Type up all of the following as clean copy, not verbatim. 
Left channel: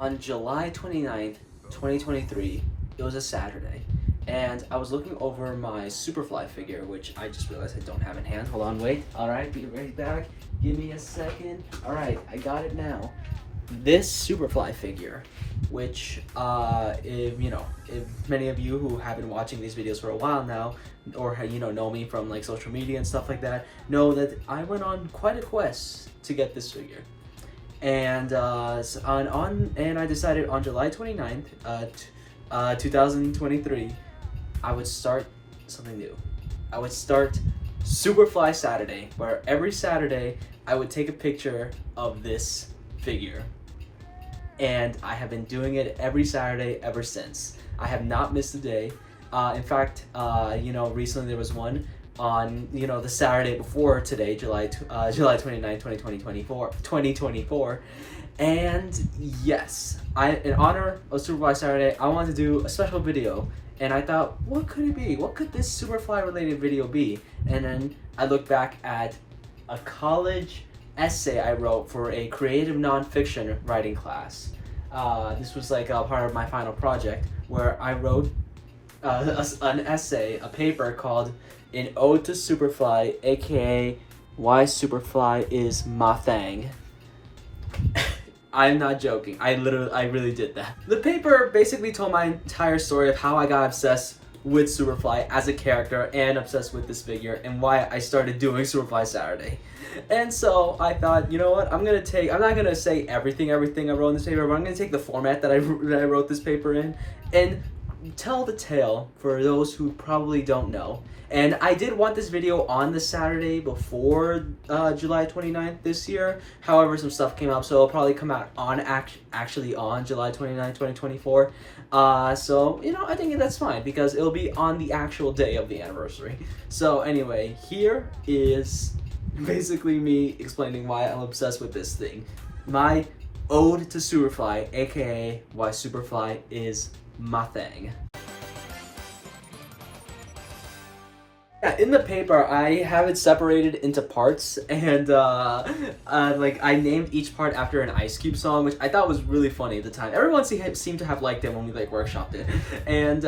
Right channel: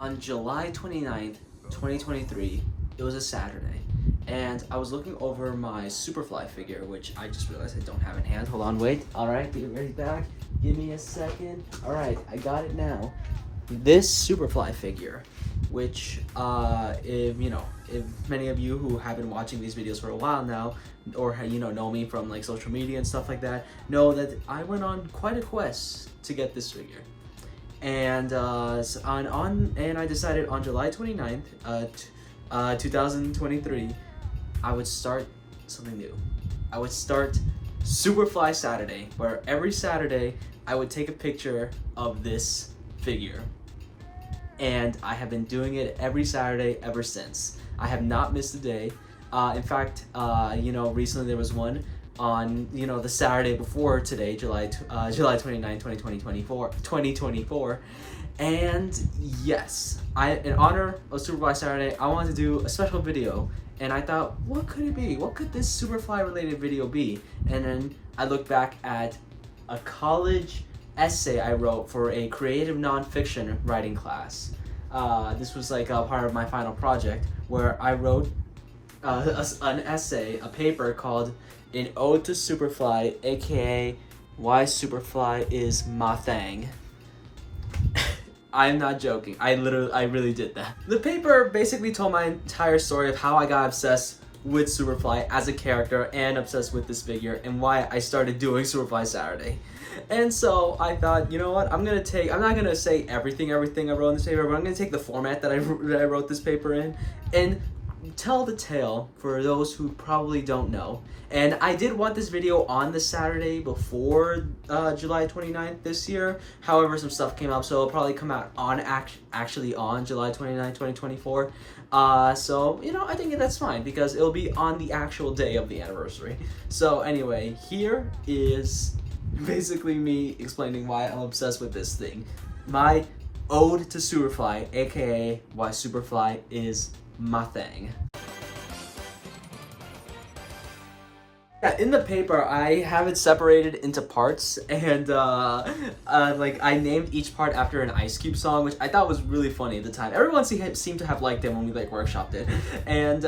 On July 29th, 2023, it was a Saturday, and I was looking over my Superfly figure, which I just realized I don't have in hand. Hold on, wait. Alright, be right back. Give me a second. Alright, I got it now. This Superfly figure, which, if many of you who have been watching these videos for a while now, or, know me from, like, social media and stuff like that, know that I went on quite a quest to get this figure. And I decided on July 29th, 2023, I would start something new. I would start Superfly Saturday, where every Saturday I would take a picture of this figure. And I have been doing it every Saturday ever since. I have not missed a day. In fact, recently there was one on, the Saturday before today, July 29, 2024. And yes, in honor of Superfly Saturday, I wanted to do a special video. And I thought, what could it be? What could this Superfly related video be? And then I looked back at a college essay I wrote for a creative nonfiction writing class. This was like a part of my final project where I wrote an essay, a paper called An Ode to Superfly, aka Why Superfly is My Thang. I'm not joking. I really did that. The paper basically told my entire story of how I got obsessed with Superfly as a character and obsessed with this figure and why I started doing Superfly Saturday. And so I thought, you know what, I'm not gonna say everything I wrote in this paper, but I'm gonna take the format that I wrote this paper in and tell the tale for those who probably don't know. And I did want this video on the Saturday before July 29th this year. However, some stuff came up, so it'll probably come out on actually on July 29th, 2024. So, I think that's fine because it'll be on the actual day of the anniversary. So anyway, here is basically me explaining why I'm obsessed with this thing. My ode to Superfly, aka why Superfly is my thing. Yeah, in the paper, I have it separated into parts, and I named each part after an Ice Cube song, which I thought was really funny at the time. Everyone seemed to have liked it when we workshopped it, and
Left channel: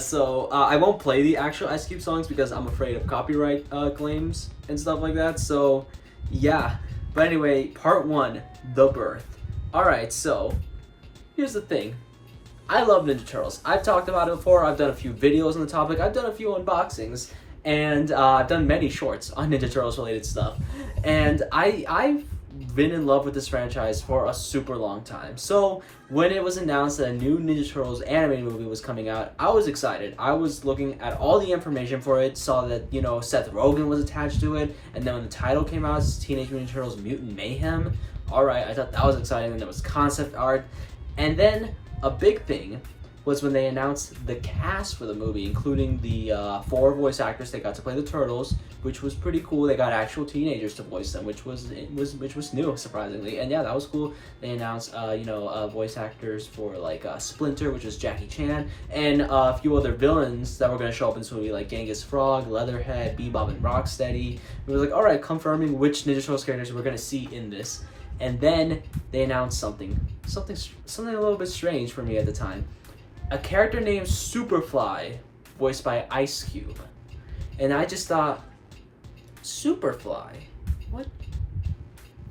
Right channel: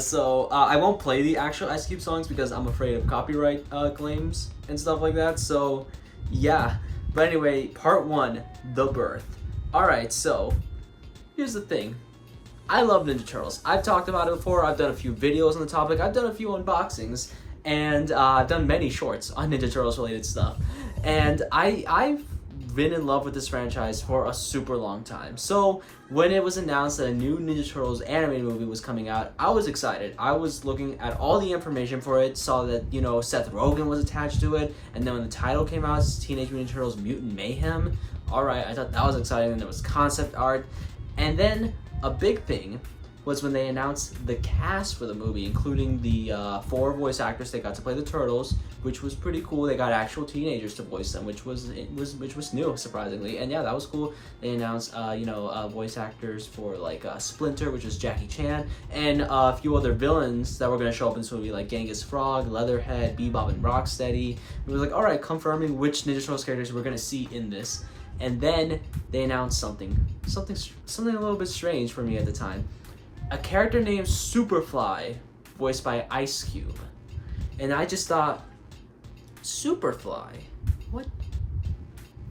so I won't play the actual Ice Cube songs because I'm afraid of copyright claims and stuff like that. So yeah, but anyway, part one, the birth. All right, so here's the thing. I love Ninja Turtles. I've talked about it before. I've done a few videos on the topic. I've done a few unboxings. And I've done many shorts on Ninja Turtles related stuff. And I've been in love with this franchise for a super long time. So when it was announced that a new Ninja Turtles animated movie was coming out, I was excited. I was looking at all the information for it, saw that, Seth Rogen was attached to it. And then when the title came out, it's Teenage Mutant Turtles Mutant Mayhem. All right, I thought that was exciting. And there was concept art. And then a big thing was when they announced the cast for the movie, including the 4 voice actors that got to play the Turtles, which was pretty cool. They got actual teenagers to voice them, which was new, surprisingly. And yeah, that was cool. They announced voice actors for Splinter, which is Jackie Chan, and a few other villains that were going to show up in this movie, like Genghis Frog, Leatherhead, Bebop and Rocksteady. It was like, all right, confirming which Ninja Turtles characters we're going to see in this. And then they announced something a little bit strange for me at the time. A character named Superfly, voiced by Ice Cube. And I just thought, Superfly? What?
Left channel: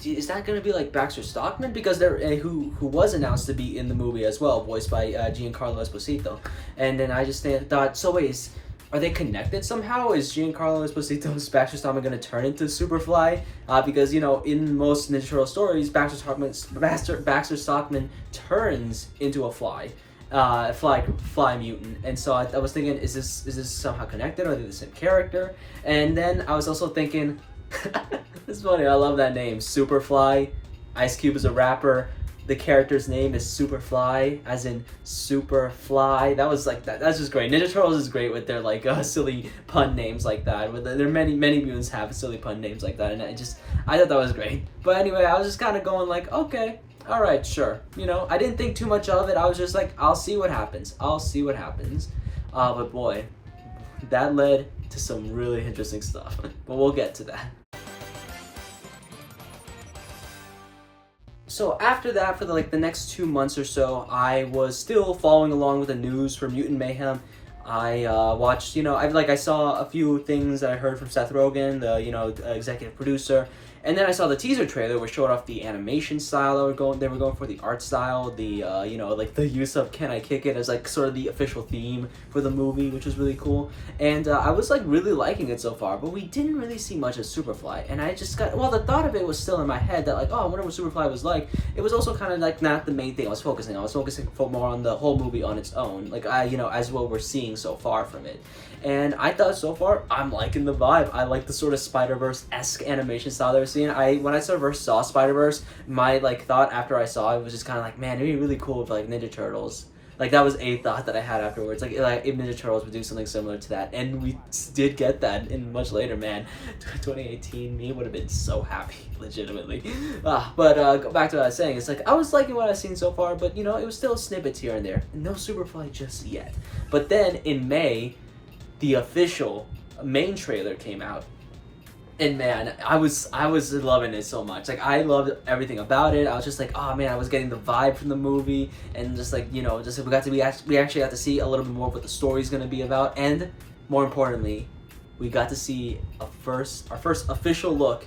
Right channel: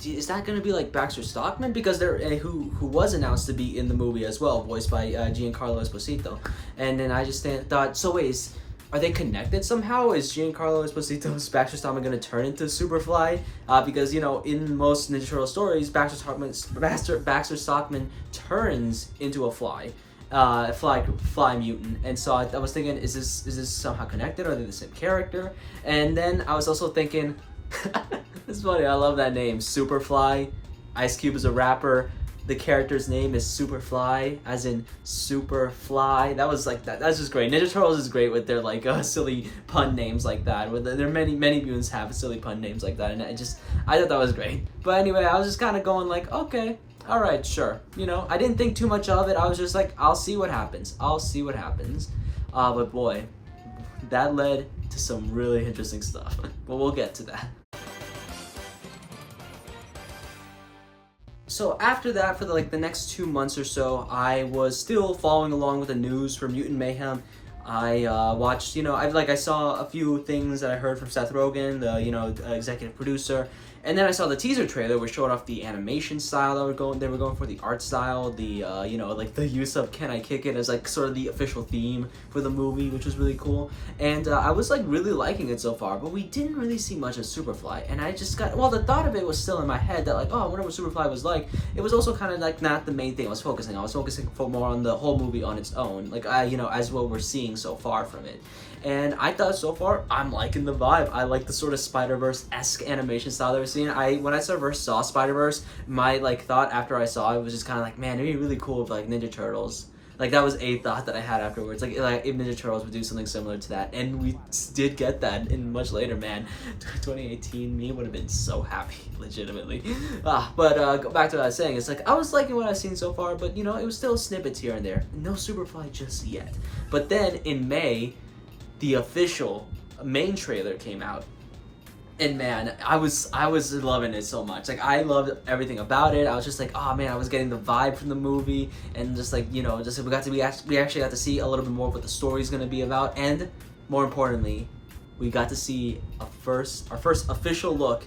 Is that going to be like Baxter Stockman? Because who was announced to be in the movie as well, voiced by Giancarlo Esposito. And then I just thought, so wait, are they connected somehow? Is Giancarlo Esposito's Baxter Stockman going to turn into Superfly? Because, in most Ninja Turtle stories, Baxter Stockman turns into a fly. Fly mutant, and so I was thinking, is this somehow connected? Are they the same character? And then I was also thinking, it's funny, I love that name, Superfly. Ice Cube is a rapper. The character's name is Superfly, as in Superfly. That's just great. Ninja Turtles is great with their silly pun names like that. There are many mutants have silly pun names like that, and I thought that was great. But anyway, I was just kind of going okay. All right, sure. I didn't think too much of it. I was just like, I'll see what happens. But boy, that led to some really interesting stuff. But we'll get to that. So after that, for the next 2 months or so, I was still following along with the news for Mutant Mayhem. I watched, I saw a few things that I heard from Seth Rogen, the executive producer, and then I saw the teaser trailer, which showed off the animation style they were going for, the art style, the the use of "Can I Kick It" as like sort of the official theme for the movie, which was really cool. And I was like really liking it so far, but we didn't really see much of Superfly, and I just got the thought of it was still in my head that like, oh, I wonder what Superfly was like. It was also kind of like not the main thing I was focusing on. I was focusing more on the whole movie on its own, like as what we're seeing so far from it. And I thought so far I'm liking the vibe. I like the sort of Spider-Verse-esque animation style that we're seeing. When I first saw Spider-Verse, my thought after I saw it was just kind of like, man, it'd be really cool if Ninja Turtles. Like that was a thought that I had afterwards. Like if Ninja Turtles would do something similar to that, and we did get that in much later. Man, 2018 me would have been so happy, legitimately. But go back to what I was saying. It's like I was liking what I've seen so far, but it was still snippets here and there. No Superfly just yet. But then in May, the official main trailer came out. And man, I was loving it so much. Like I loved everything about it. I was just like, oh man, I was getting the vibe from the movie, and just like we actually got to see a little bit more of what the story's gonna be about, and more importantly, we got to see our first official look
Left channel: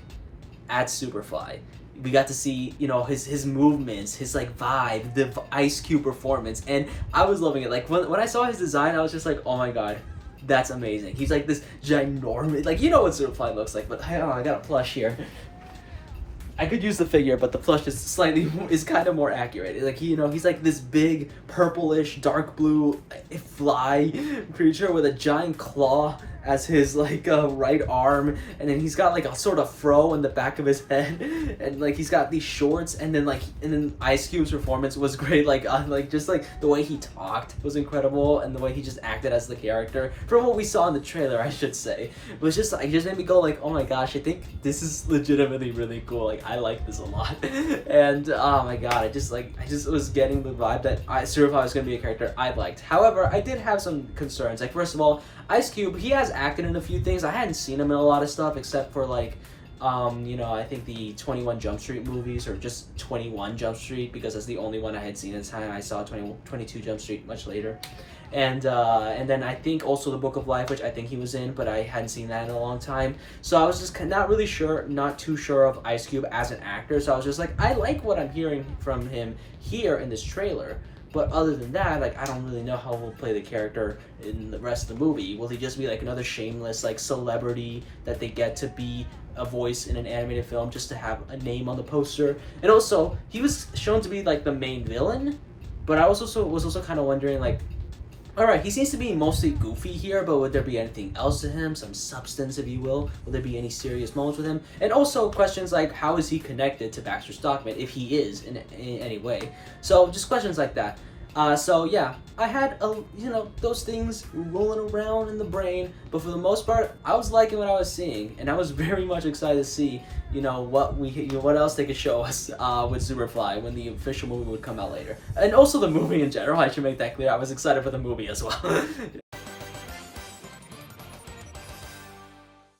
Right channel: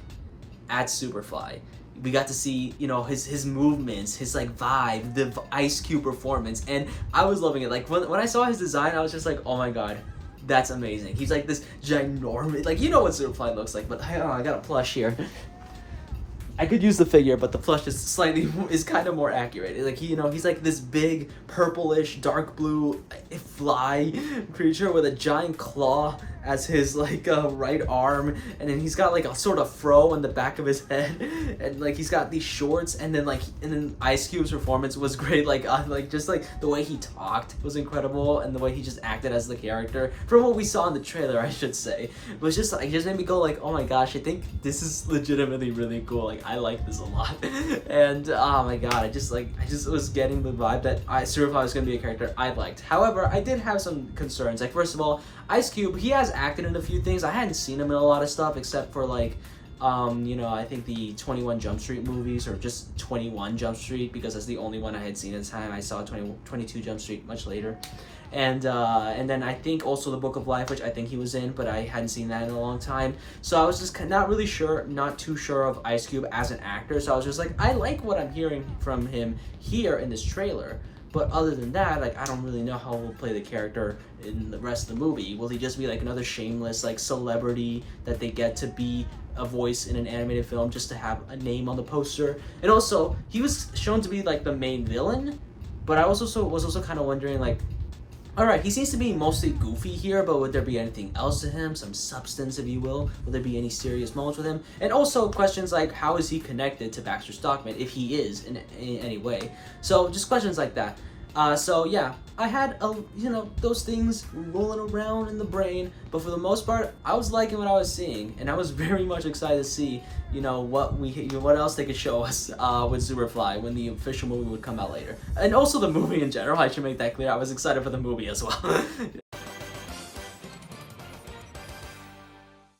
at Superfly. We got to see his movements, his vibe, the Ice Cube performance, and I was loving it. Like when I saw his design, I was just like, oh my god. That's amazing. He's like this ginormous, what Superfly looks like, but I got a plush here. I could use the figure, but the plush is kind of more accurate. Like he's like this big purplish dark blue fly creature with a giant claw as his right arm, and then he's got a sort of fro in the back of his head, and he's got these shorts, and then Ice Cube's performance was great. Just the way he talked was incredible, and the way he just acted as the character from what we saw in the trailer, I should say, was just it just made me go oh my gosh, I think this is legitimately really cool. I like this a lot. And oh my god, I just was getting the vibe that Superfly was gonna be a character I liked. However, I did have some concerns. First of all, Ice Cube, he has acted in a few things. I hadn't seen him in a lot of stuff except for I think the 21 Jump Street movies, or just 21 Jump Street, because that's the only one I had seen at the time. I saw 22 Jump Street much later. And then I think also The Book of Life, which I think he was in, but I hadn't seen that in a long time. So I was just not too sure of Ice Cube as an actor. So I was just like, I like what I'm hearing from him here in this trailer. But other than that, I don't really know how he'll play the character in the rest of the movie. Will he just be another shameless celebrity that they get to be a voice in an animated film just to have a name on the poster? And also, he was shown to be the main villain, but I was also kind of wondering alright, he seems to be mostly goofy here, but would there be anything else to him? Some substance, if you will? Will there be any serious moments with him? And also questions like, how is he connected to Baxter Stockman, if he is in any way? So just questions like that. So yeah, I had those things rolling around in the brain, but for the most part, I was liking what I was seeing, and I was very much excited to see what else they could show us with Superfly when the official movie would come out later, and also the movie in general. I should make that clear. I was excited for the movie as well.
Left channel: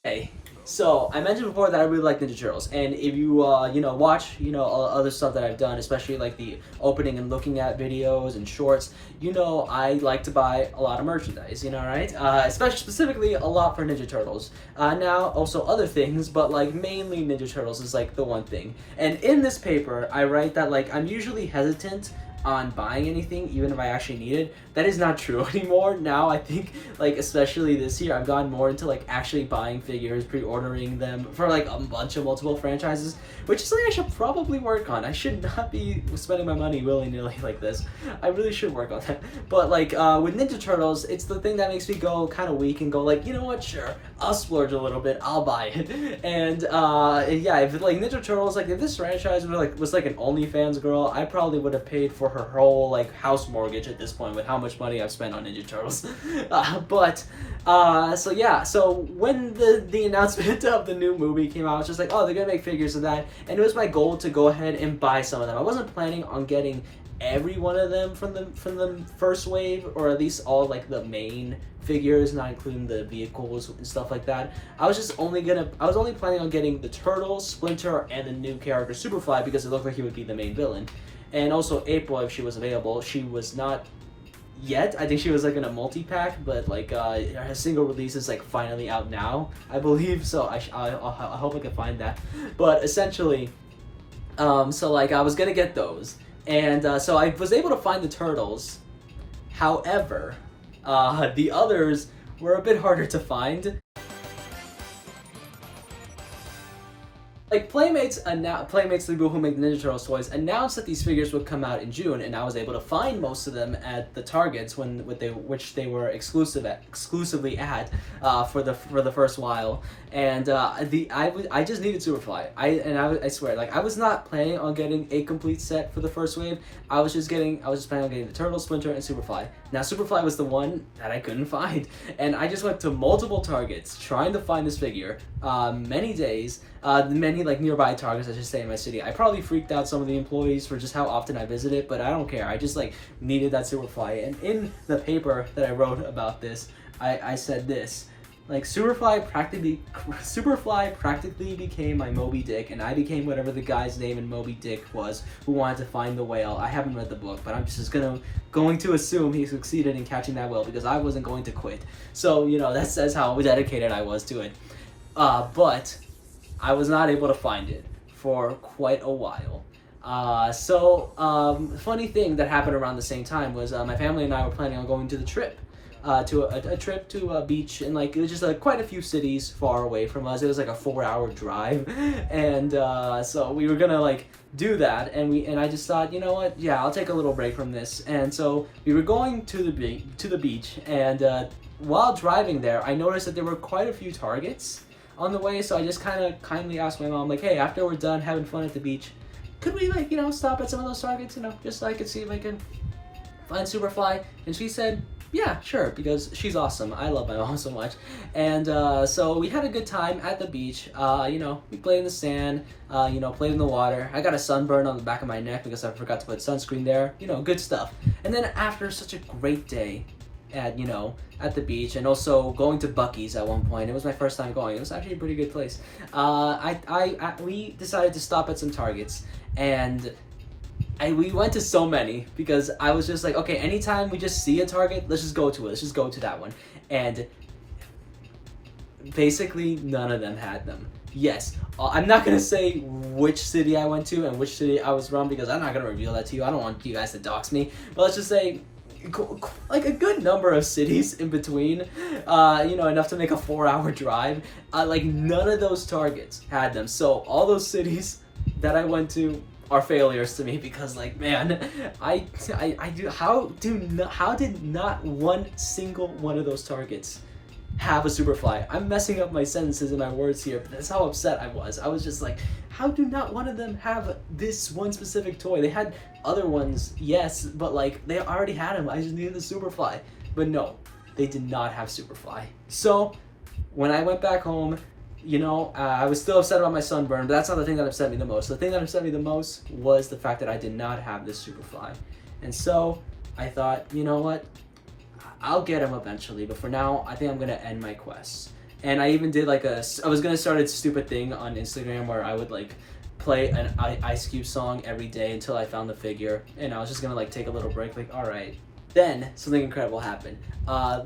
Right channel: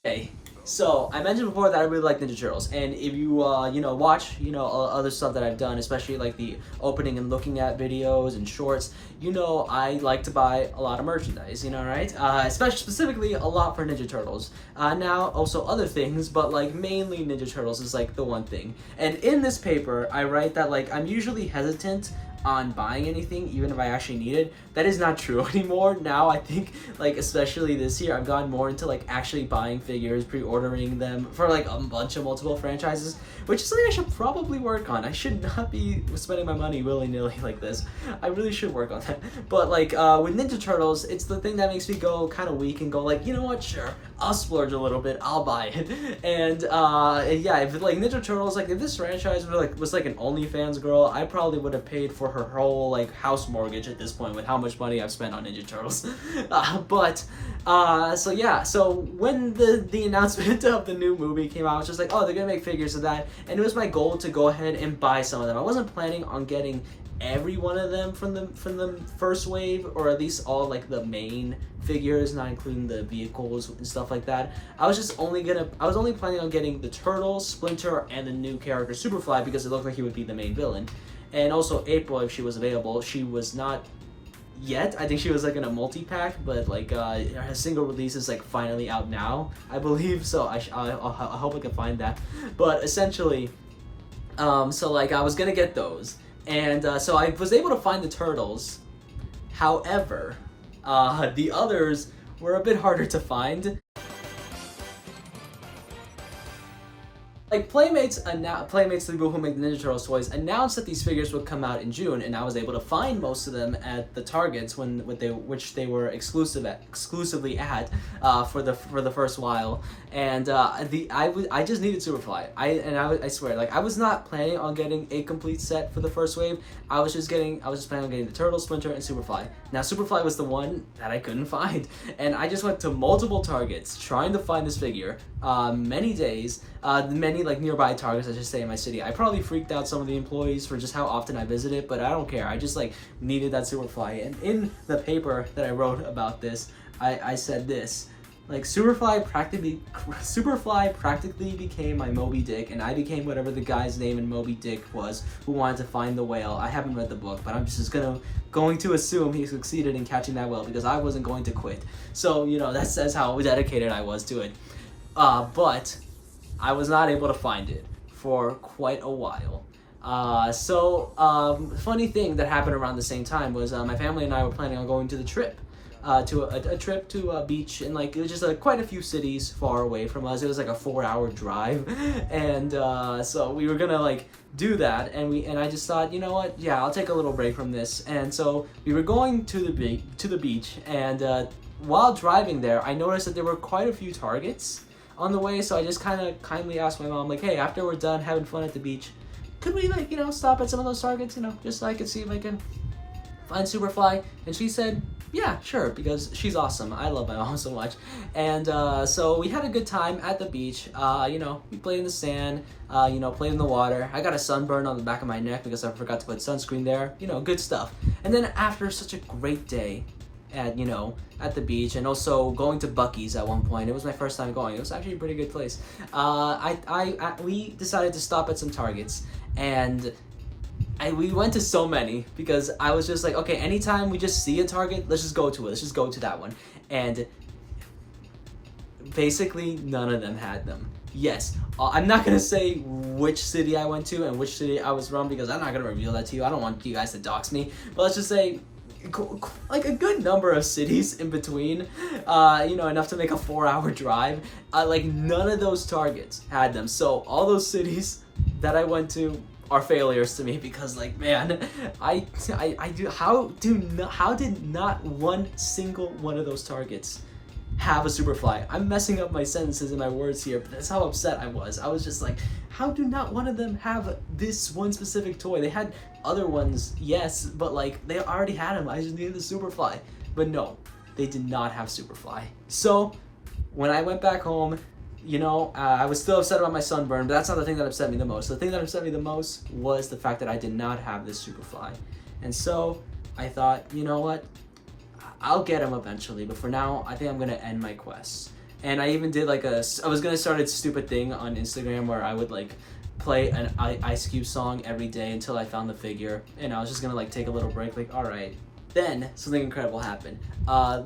Hey. So, I mentioned before that I really like Ninja Turtles, and if you, watch, other stuff that I've done, especially the opening and looking at videos and shorts, I like to buy a lot of merchandise, right? Especially specifically a lot for Ninja Turtles. Now, also other things, but, mainly Ninja Turtles is, the one thing. And in this paper, I write that, I'm usually hesitant on buying anything, even if I actually need it. That is not true anymore. Now I think, especially this year, I've gotten more into actually buying figures, pre-ordering them for a bunch of multiple franchises, which is something I should probably work on. I should not be spending my money willy-nilly like this. I really should work on that. But with Ninja Turtles, it's the thing that makes me go kind of weak and go you know what, sure, I'll splurge a little bit, I'll buy it. And yeah, if Ninja Turtles, if this franchise was an OnlyFans girl, I probably would have paid for her whole house mortgage at this point with how much money I've spent on Ninja Turtles. So yeah, so when the announcement of the new movie came out, I was just oh, they're gonna make figures of that, and it was my goal to go ahead and buy some of them. I wasn't planning on getting every one of them from the first wave, or at least all like the main figures, not including the vehicles and stuff like that. I was only planning on getting the Turtle, Splinter, and the new character Superfly because it looked like he would be the main villain. And also April, if she was available. She was not yet. I think she was like in a multi-pack, but like her single release is like finally out now, I believe, so I hope I can find that. But essentially, so like I was gonna get those, and so I was able to find the Turtles. However, the others were a bit harder to find. Like Playmates, the people who make the Ninja Turtles toys, announced that these figures would come out in June, and I was able to find most of them at the Targets which they were exclusively at for the first while. And I just needed Superfly. I swear, like I was not planning on getting a complete set for the first wave. I was just planning on getting the Turtle, Splinter, and Superfly. Now Superfly was the one that I couldn't find, and I just went to multiple Targets trying to find this figure. Many days. Many like nearby Targets, I should say, in my city. I probably freaked out some of the employees for just how often I visit it, but I don't care. I just like needed that Superfly. And in the paper that I wrote about this, I said this. Like Superfly practically became my Moby Dick, and I became whatever the guy's name in Moby Dick was who wanted to find the whale. I haven't read the book, but I'm just going to assume he succeeded in catching that whale because I wasn't going to quit. So, you know, that says how dedicated I was to it. But I was not able to find it for quite a while. Funny thing that happened around the same time was my family and I were planning on going to the trip. To a trip to a beach, and like it was just quite a few cities far away from us. It was like a 4-hour drive, and so we were gonna like do that, and I just thought, you know what, yeah, I'll take a little break from this. And so we were going to the beach, and while driving there, I noticed that there were quite a few Targets on the way. So I just kind of kindly asked my mom, like, hey, after we're done having fun at the beach, could we like, you know, stop at some of those Targets, you know, just so I could see if I can find Superfly? And she said, yeah, sure, because she's awesome. I love my mom so much. And so we had a good time at the beach. You know, we played in the sand, you know, played in the water. I got a sunburn on the back of my neck because I forgot to put sunscreen there. You know, good stuff. And then after such a great day at the beach, and also going to Buc-ee's at one point. It was my first time going. It was actually a pretty good place. We decided to stop at some Targets, and we went to so many because I was just like, okay, anytime we just see a Target, let's just go to it. Let's just go to that one. And basically none of them had them. Yes, I'm not gonna say which city I went to and which city I was from because I'm not gonna reveal that to you. I don't want you guys to dox me. But let's just say like a good number of cities in between, you know, enough to make a 4-hour drive. Like none of those Targets had them. So all those cities that I went to are failures to me because, like, man, how did not one single one of those Targets have a Superfly? I'm messing up my sentences and my words here, but that's how upset I was. I was just like, how do not one of them have this one specific toy? They had other ones, yes, but like they already had them. I just needed the Superfly. But no, they did not have Superfly. So when I went back home, you know, I was still upset about my sunburn, but that's not the thing that upset me the most. The thing that upset me the most was the fact that I did not have this Superfly. And so I thought, you know what? I'll get him eventually, but for now, I think I'm gonna end my quest. And I even did like I was gonna start a stupid thing on Instagram where I would like play an Ice Cube song every day until I found the figure. And I was just gonna like take a little break, like, all right. Then something incredible happened.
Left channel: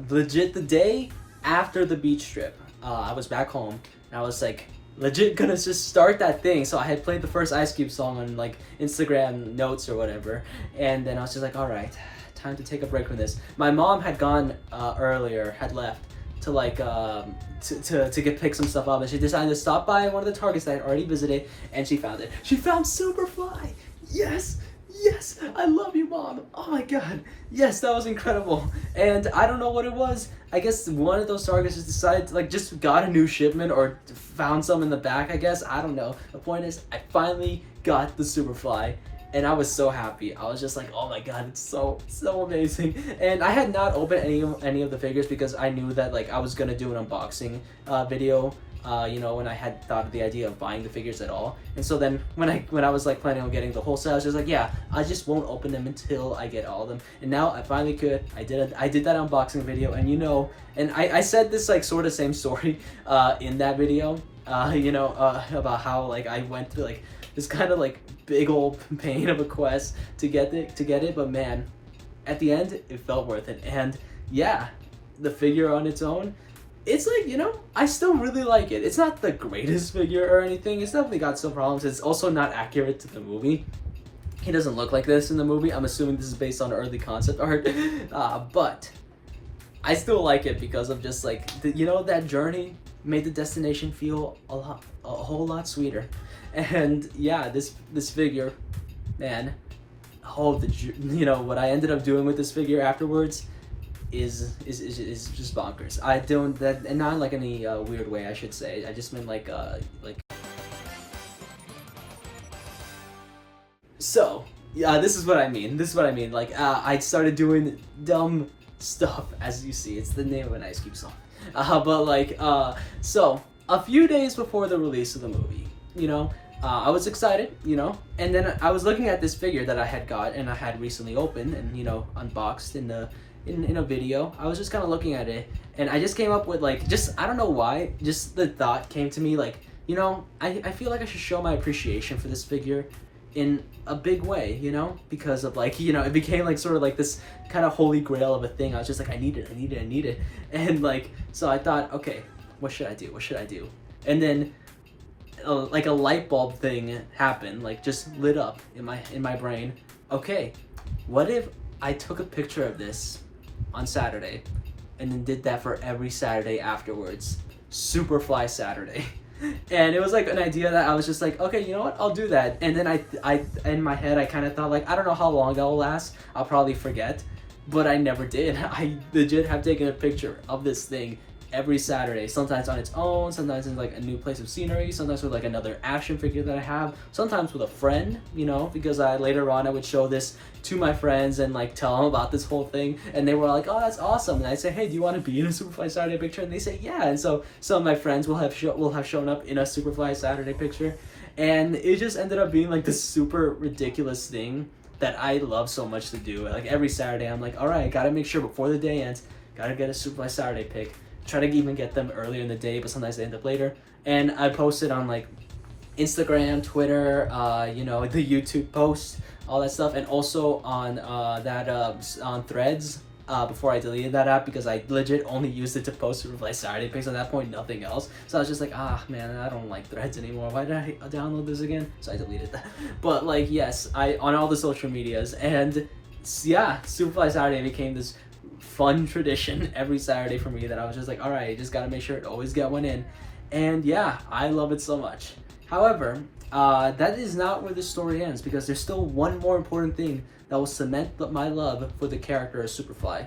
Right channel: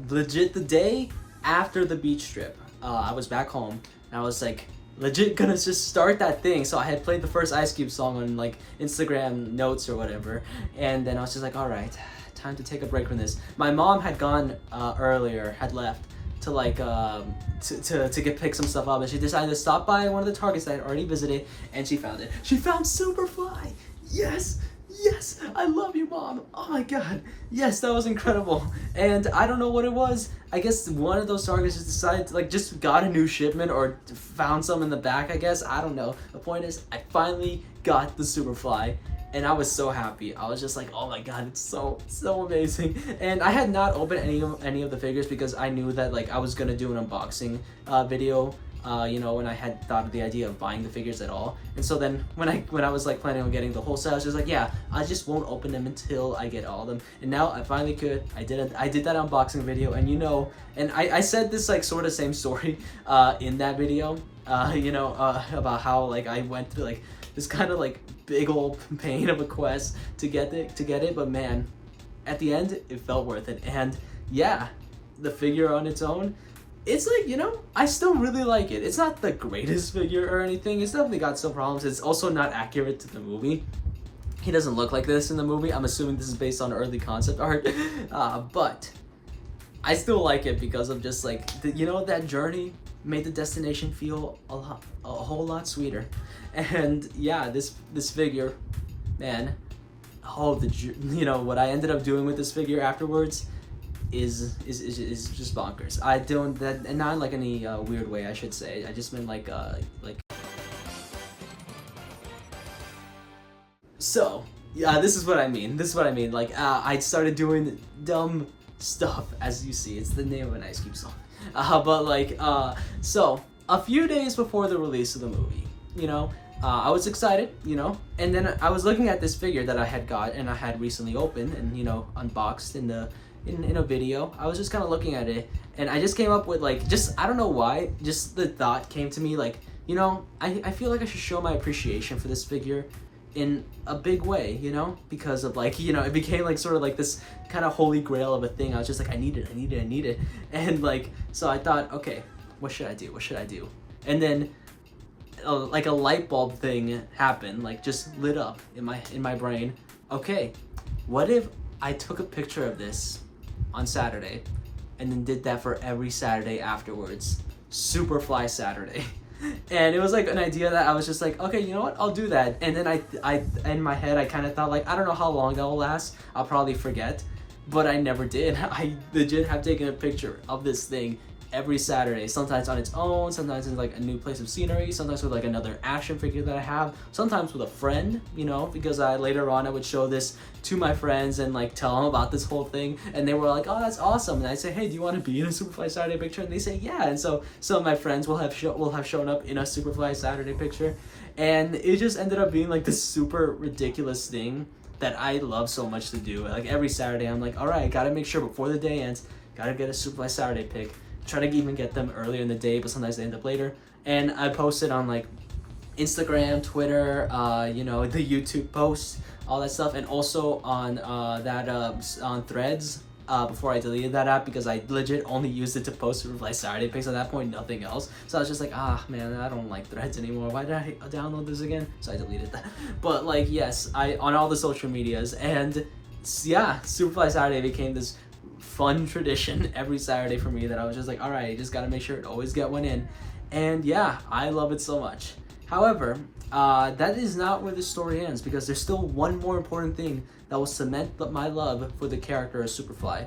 Legit the day after the beach trip, I was back home. I was like legit gonna just start that thing. So I had played the first Ice Cube song on like Instagram notes or whatever, and then I was just like, all right, time to take a break from this. My mom had gone earlier, had left to like to pick some stuff up, and she decided to stop by one of the Targets that I had already visited, and she found it. She found Superfly. Yes, I love you, Mom. Oh my god. Yes, that was incredible. And I don't know what it was. I guess one of those Targets just decided to, like, just got a new shipment or found some in the back, I guess. I don't know. The point is, I finally got the Superfly, and I was so happy. I was just like, oh my god, it's so amazing. And I had not opened any of the figures because I knew that like I was gonna do an unboxing video you know, when I had thought of the idea of buying the figures at all. And so then when I was like planning on getting the whole set, I was just like, yeah, I just won't open them until I get all of them. And now I finally could. I did that unboxing video, and you know, and I said this like sort of same story in that video, you know, about how like I went through like this kind of like big old pain of a quest to get it, but man, at the end it felt worth it. And yeah, the figure on its own, it's like, you know, I still really like it. It's not the greatest figure or anything. It's definitely got some problems. It's also not accurate to the movie. He doesn't look like this in the movie. I'm assuming this is based on early concept art, but I still like it because of just like you know, that journey made the destination feel a whole lot sweeter. And yeah, this figure, man, you know what I ended up doing with this figure afterwards is just bonkers. I don't that, and not in like any weird way, I should say. I just meant like so yeah, this is what I mean. Like I started doing dumb stuff, as you see. It's the name of an Ice Cube song. But like so a few days before the release of the movie, you know, I was excited, you know, and then I was looking at this figure that I had got and I had recently opened and, you know, unboxed in a video. I was just kind of looking at it, and I just came up with like, just I don't know why, just the thought came to me like, you know, I feel like I should show my appreciation for this figure in a big way, you know, because of like, you know, it became like sort of like this kind of holy grail of a thing. I was just like, I need it, and like, so I thought, okay, what should I do? And then like a light bulb thing happened, like just lit up in my brain. Okay, what if I took a picture of this on Saturday and then did that for every Saturday afterwards? Superfly Saturday. And it was like an idea that I was just like, okay, you know what, I'll do that. And then I in my head I kind of thought like, I don't know how long that'll last, I'll probably forget, but I never did. I legit have taken a picture of this thing every Saturday, sometimes on its own, sometimes in like a new place of scenery, sometimes with like another action figure that I have, sometimes with a friend, you know, because later on I would show this to my friends and like tell them about this whole thing, and they were like, oh, that's awesome. And I say, hey, do you want to be in a Superfly Saturday picture? And they say, yeah. And so some of my friends will have shown up in a Superfly Saturday picture, and it just ended up being like this super ridiculous thing that I love so much to do. Like every Saturday I'm like, all right, I gotta make sure before the day ends, gotta get a Superfly Saturday pic. Try to even get them earlier in the day, but sometimes they end up later. And I posted on like Instagram, Twitter, you know, the YouTube posts, all that stuff, and also on on Threads before I deleted that app, because I legit only used it to post Superfly Saturday pics. At that point, nothing else. So I was just like, ah, man, I don't like Threads anymore. Why did I download this again? So I deleted that. But like, yes, on all the social medias, and yeah, Superfly Saturday became this fun tradition every Saturday for me that I was just like, all right, just gotta make sure to always get one in. And yeah, I love it so much. However, that is not where the story ends, because there's still one more important thing that will cement my love for the character of Superfly.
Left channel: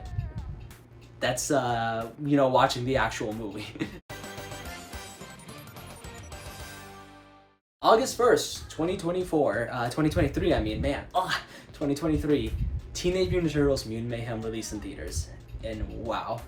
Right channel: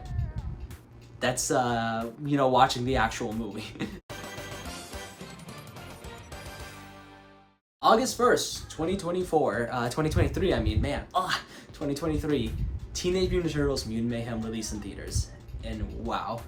That's you know, watching the actual movie. August 1st, 2023, I mean, man, 2023, Teenage Mutant Ninja Turtles Mutant Mayhem released in theaters. And wow,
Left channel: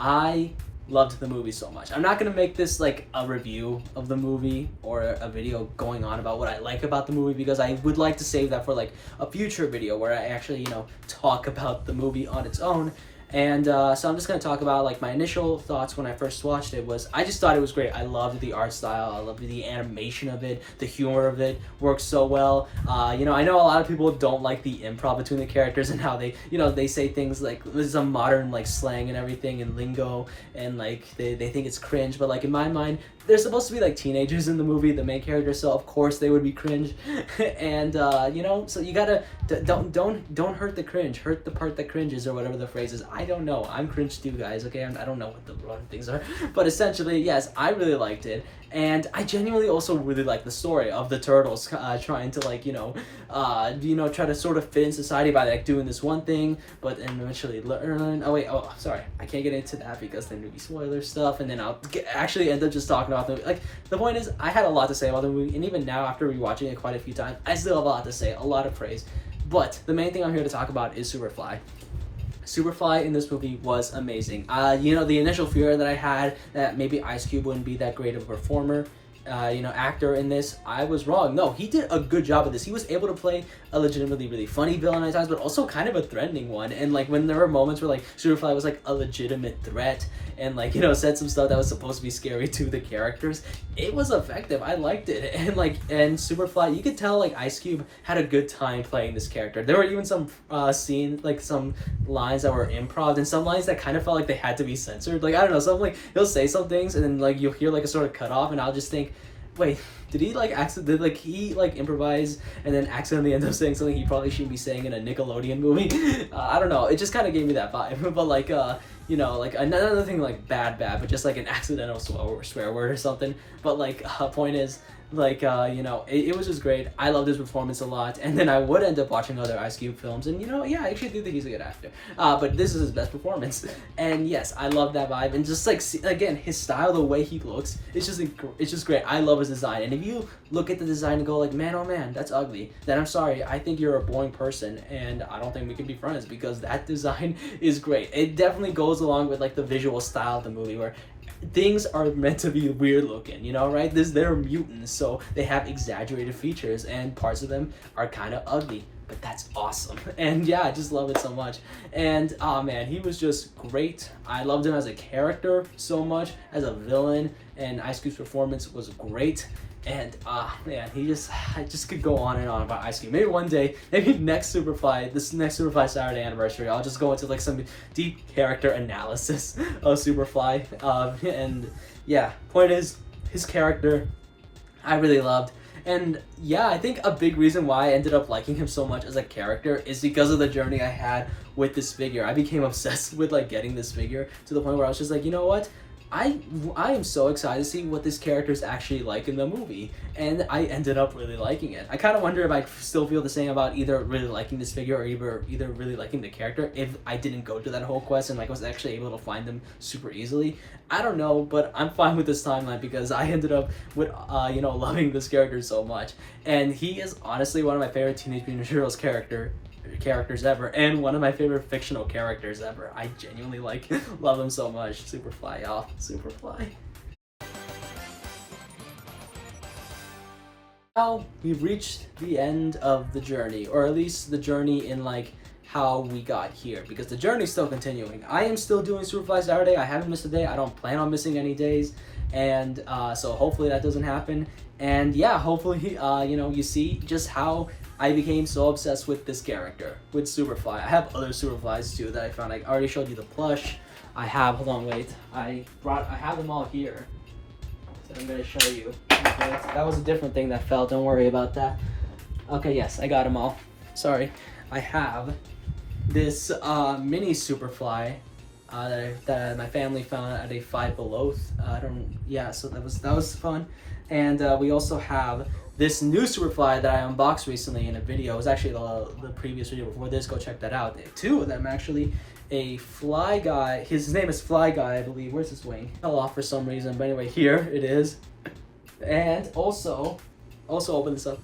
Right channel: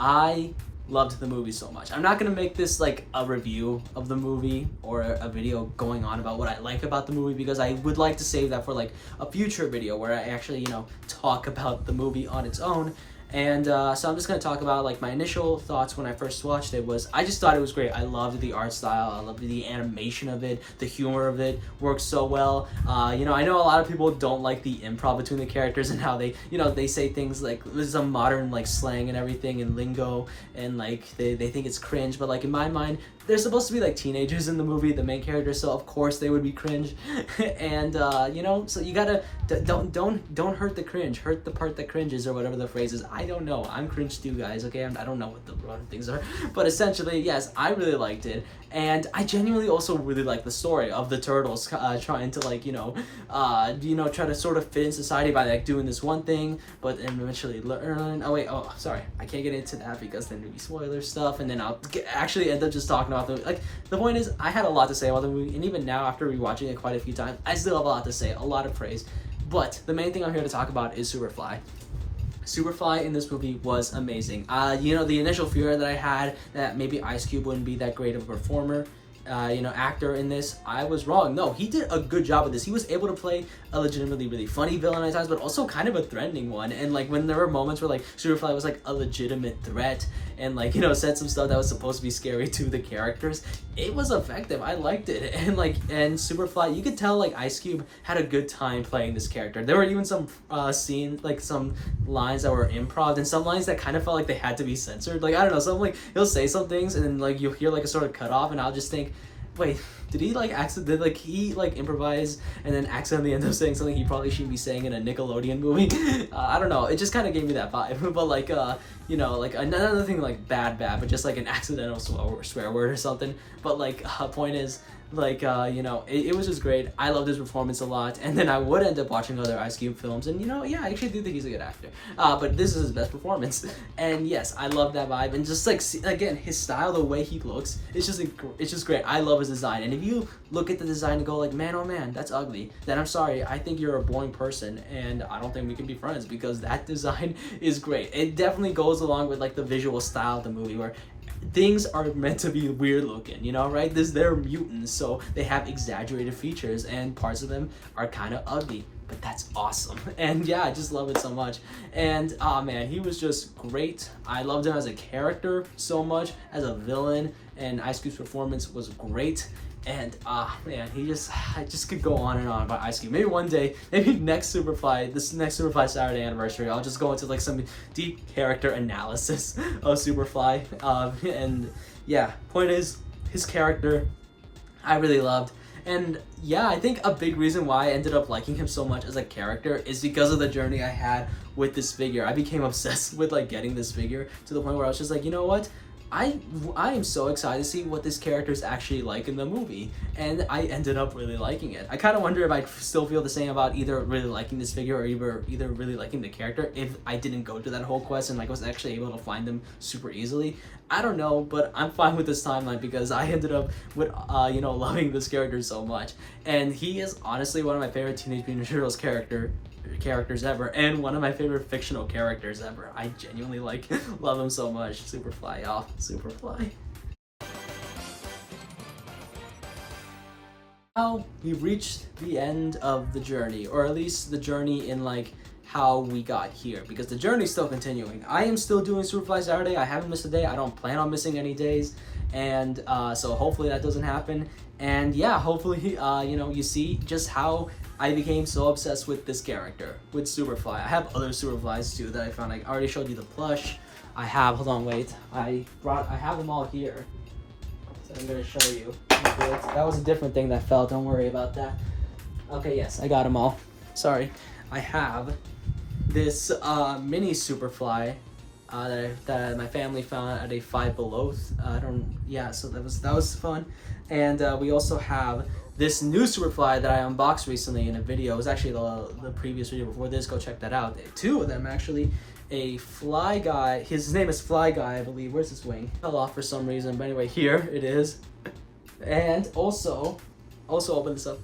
I loved the movie so much. I'm not gonna make this like a review of the movie or a video going on about what I like about the movie, because I would like to save that for like a future video where I actually, you know, talk about the movie on its own. And so I'm just gonna talk about like my initial thoughts when I first watched it. Was I just thought it was great. I loved the art style, I loved the animation of it, the humor of it works so well. You know, I know a lot of people don't like the improv between the characters and how they, you know, they say things like, this is a modern like slang and everything and lingo, and like they think it's cringe, but like in my mind, they're supposed to be like teenagers in the movie, the main characters, so of course they would be cringe. And you know, so you gotta don't hurt the cringe, hurt the part that cringes, or whatever the phrase is. I don't know, I'm cringe too, guys, okay? I don't know what the wrong things are, but essentially, yes, I really liked it. And I genuinely also really like the story of the turtles trying to like, you know, try to sort of fit in society by like doing this one thing, but then eventually learn. Oh, sorry, I can't get into that because then there'll be spoiler stuff, and then I'll actually end up just talking about the movie. Like, the point is, I had a lot to say about the movie, and even now after rewatching it quite a few times, I still have a lot to say, a lot of praise. But the main thing I'm here to talk about is Superfly. Superfly in this movie was amazing. You know, the initial fear that I had that maybe Ice Cube wouldn't be that great of a performer, you know, actor in this, I was wrong. No, he did a good job of this. He was able to play a legitimately really funny villain at times, but also kind of a threatening one. And like when there were moments where like Superfly was like a legitimate threat and like, you know, said some stuff that was supposed to be scary to the characters, it was effective. I liked it. And like, and Superfly, you could tell like Ice Cube had a good time playing this character. There were even some scenes, like some lines that were improv and some lines that kind of felt like they had to be censored. Like, I don't know, some like he'll say some things and then like you'll hear like a sort of cut off and I'll just think, wait, did he like did like he like improvise and then accidentally end up saying something he probably shouldn't be saying in a Nickelodeon movie? I don't know, it just kind of gave me that vibe. But like you know, like another thing like bad, but just like an accidental swear word or something. But like point is, like you know, it was just great. I loved his performance a lot, and then I would end up watching other Ice Cube films, and you know, yeah, I actually do think he's a good actor. But this is his best performance, and yes, I love that vibe, and just like again, his style, the way he looks, it's just great. I love his design, and if you look at the design and go like, man, oh man, that's ugly, then I'm sorry, I think you're a boring person, and I don't think we can be friends because that design is great. It definitely goes along with like the visual style of the movie where things are meant to be weird looking, you know, right? They're mutants, so they have exaggerated features and parts of them are kind of ugly, but that's awesome. And yeah, I just love it so much. And oh man, he was just great. I loved him as a character so much, as a villain, and Ice Cube's performance was great. And man, I just could go on and on about Ice Cube. Maybe one day, maybe this next Superfly Saturday anniversary, I'll just go into like some deep character analysis of Superfly. And yeah, point is, his character, I really loved. And yeah, I think a big reason why I ended up liking him so much as a character is because of the journey I had with this figure. I became obsessed with like getting this figure to the point where I was just like, you know what? I am so excited to see what this character is actually like in the movie, and I ended up really liking it. I kind of wonder if I still feel the same about either really liking this figure or either really liking the character if I didn't go to that whole quest and like was actually able to find them super easily. I don't know, but I'm fine with this timeline because I ended up with you know, loving this character so much, and he is honestly one of my favorite Teenage Mutant Ninja Turtles characters ever, and one of my favorite fictional characters ever. I genuinely like love him so much. Superfly, y'all. Superfly. Now we've reached the end of the journey, or at least the journey in like how we got here, because the journey is still continuing. I am still doing Superfly Saturday. I haven't missed a day. I don't plan on missing any days, and so hopefully that doesn't happen. And yeah, hopefully you know, you see just how I became so obsessed with this character, with Superfly. I have other Superflies too that I found. I already showed you the plush. I have, hold on, wait. I have them all here. So I'm gonna show you. That was a different thing that fell, don't worry about that. Okay, yes, I got them all. Sorry. I have this mini Superfly that my family found at a Five Below. So that was fun. And we also have this new Superfly that I unboxed recently in a video. It was actually the previous video before this. Go check that out. Two of them actually. A Fly Guy. His name is Fly Guy, I believe. Where's his wing? Fell off for some reason. But anyway, here it is. And also open this up.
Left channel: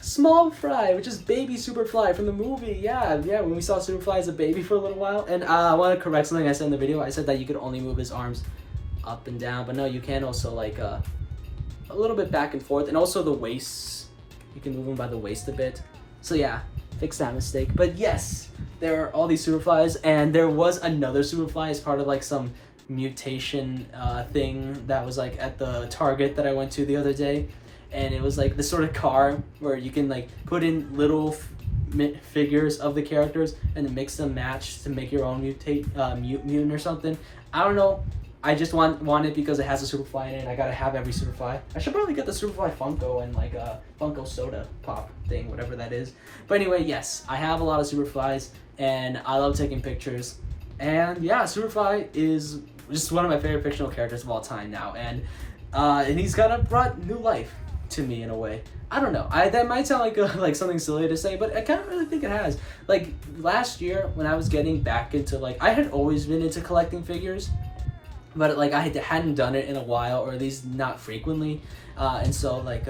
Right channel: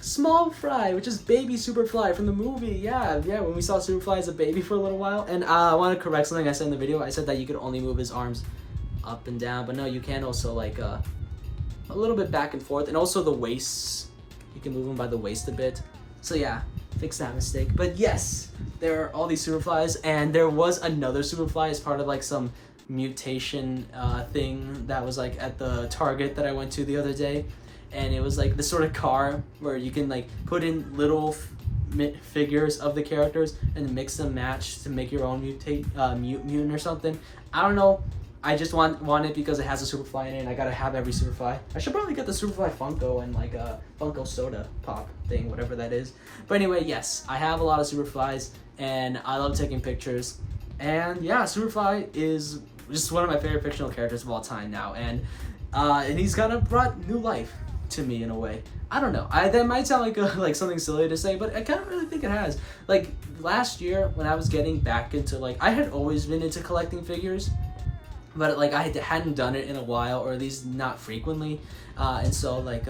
Small Fry, which is baby Superfly from the movie. Yeah, when we saw Superfly as a baby for a little while. And I want to correct something I said in the video. I said that you could only move his arms up and down, but no, you can also like a little bit back and forth, and also the waist. You can move him by the waist a bit. So yeah, fix that mistake. But yes, there are all these Superflies, and there was another Superfly as part of like some mutation thing that was like at the Target that I went to the other day. And it was like this sort of car where you can like put in little figures of the characters and then mix them match to make your own mutant or something. I don't know. I just want it because it has a Superfly in it, and I gotta have every Superfly. I should probably get the Superfly Funko and like a Funko soda pop thing, whatever that is. But anyway, yes, I have a lot of Superflies, and I love taking pictures. And yeah, Superfly is just one of my favorite fictional characters of all time now, and he's kind of brought new life to me in a way. I don't know. That might sound like like something silly to say, but I kind of really think it has. Like last year when I was getting back into like, I had always been into collecting figures, but like I hadn't done it in a while, or at least not frequently. And so like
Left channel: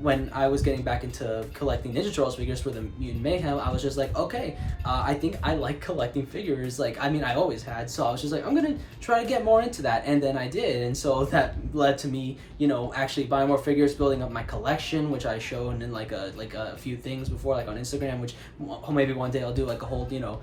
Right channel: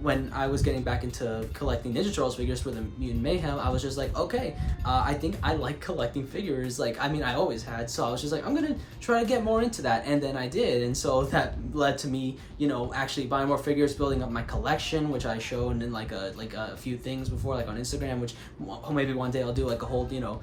when I was getting back into collecting Ninja Turtles figures for the Mutant Mayhem, I was just like, okay, I think I like collecting figures. Like, I mean, I always had, so I was just like, I'm gonna try to get more into that, and then I did, and so that led to me, you know, actually buying more figures, building up my collection, which I showed in like a few things before, like on Instagram, which maybe one day I'll do like a whole, you know,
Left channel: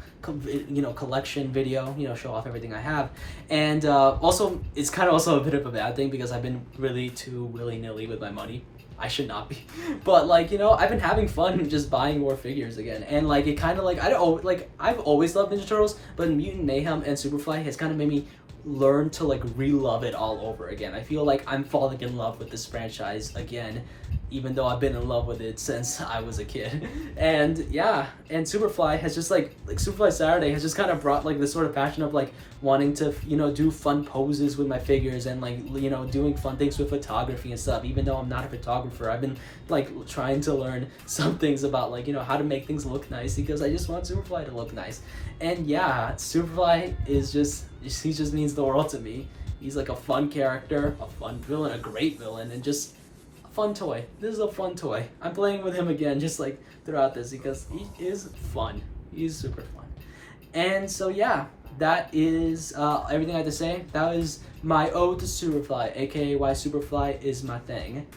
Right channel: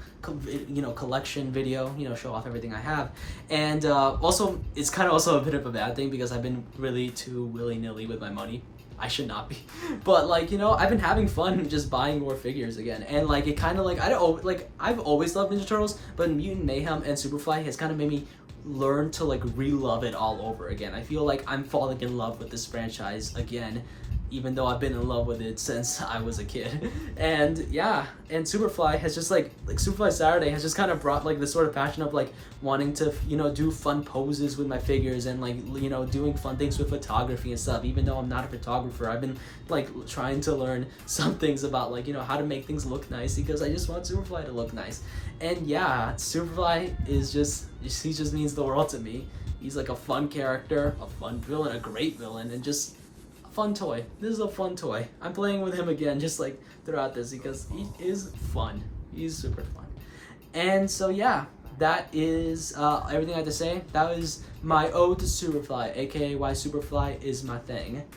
collection video, you know, show off everything I have, and also it's kind of also a bit of a bad thing because I've been really too willy-nilly with my money. I should not be, but like, you know, I've been having fun just buying more figures again, and like it kind of like, I don't like, I've always loved Ninja Turtles, but Mutant Mayhem and Superfly has kind of made me learn to like re-love it all over again. I feel like I'm falling in love with this franchise again, even though I've been in love with it since I was a kid. And yeah, and Superfly has just like Superfly Saturday has just kind of brought like this sort of passion of like wanting to, you know, do fun poses with my figures and like, you know, doing fun things with photography and stuff. Even though I'm not a photographer, I've been like trying to learn some things about like, you know, how to make things look nice because I just want Superfly to look nice. And yeah, Superfly is just, he just means the world to me. He's like a fun character, a fun villain, a great villain, and just fun toy. This is a fun toy. I'm playing with him again just like throughout this because he is fun. He's super fun. And so yeah, that is everything I have to say. That was my ode to Superfly, aka why Superfly is my thing.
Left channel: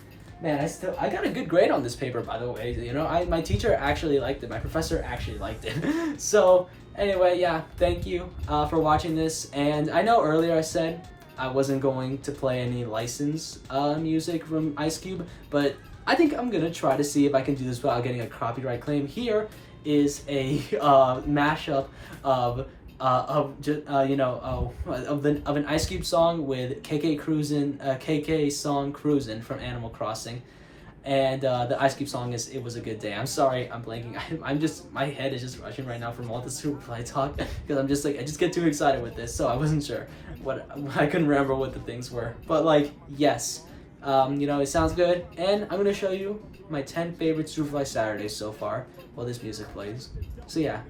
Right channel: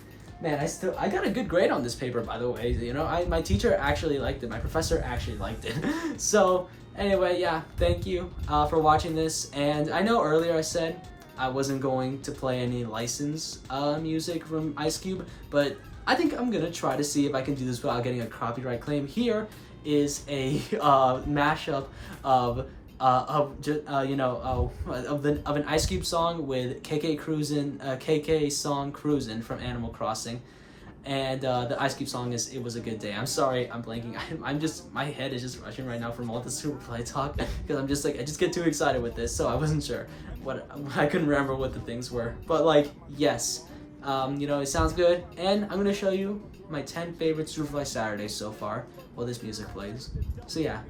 Man, I got a good grade on this paper, by the way. You know, my teacher actually liked it. My professor actually liked it. So anyway, yeah, thank you for watching this. And I know earlier I said I wasn't going to play any licensed music from Ice Cube, but I think I'm gonna try to see if I can do this without getting a copyright claim. Here is a mashup of an Ice Cube song with KK song Cruisin' from Animal Crossing. And the Ice Cube song is It Was a Good Day. I'm sorry, I'm blanking. I'm just, my head is just rushing right now from all the Superfly talk because I'm just like, I just get too excited with this, so I wasn't sure I couldn't remember what the things were. But like, yes, you know, it sounds good. And I'm gonna show you my 10 favorite Superfly Saturdays so far while this music plays. So yeah,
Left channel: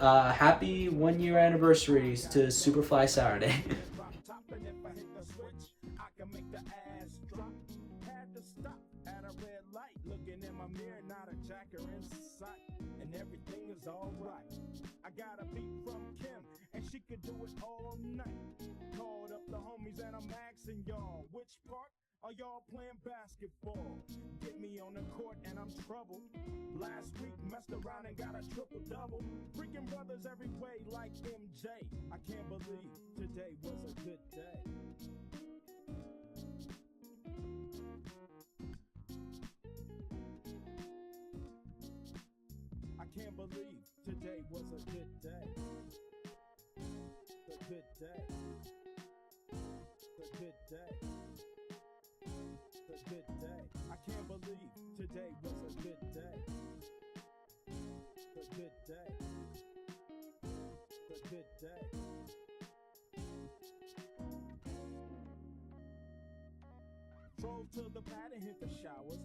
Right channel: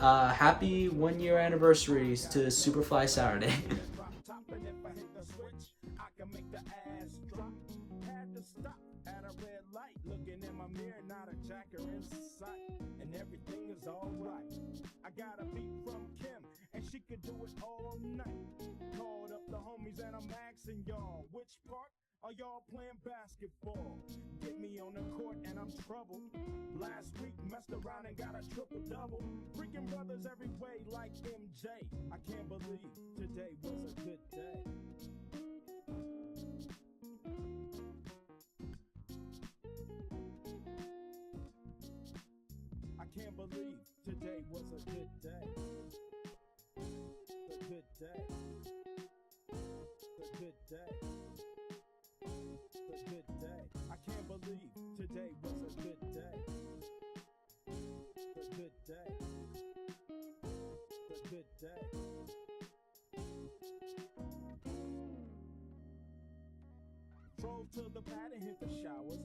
happy 1 year anniversaries to Superfly Saturday. At a red light, looking in my mirror, not a jacker in sight, and everything is alright. I got a beat from Kim, and she could do it all night. Called up the homies, and I'm asking y'all, which part are y'all playing basketball? Get me on the court, and I'm troubled. Last week, messed around and got a triple-double. Freaking brothers every way like MJ. I can't believe today was a good day. I can't believe today was a good day. A good day. A good day. A good day. I can't believe today was a good day. A good day. A good day. Drove to the pad and hit the showers.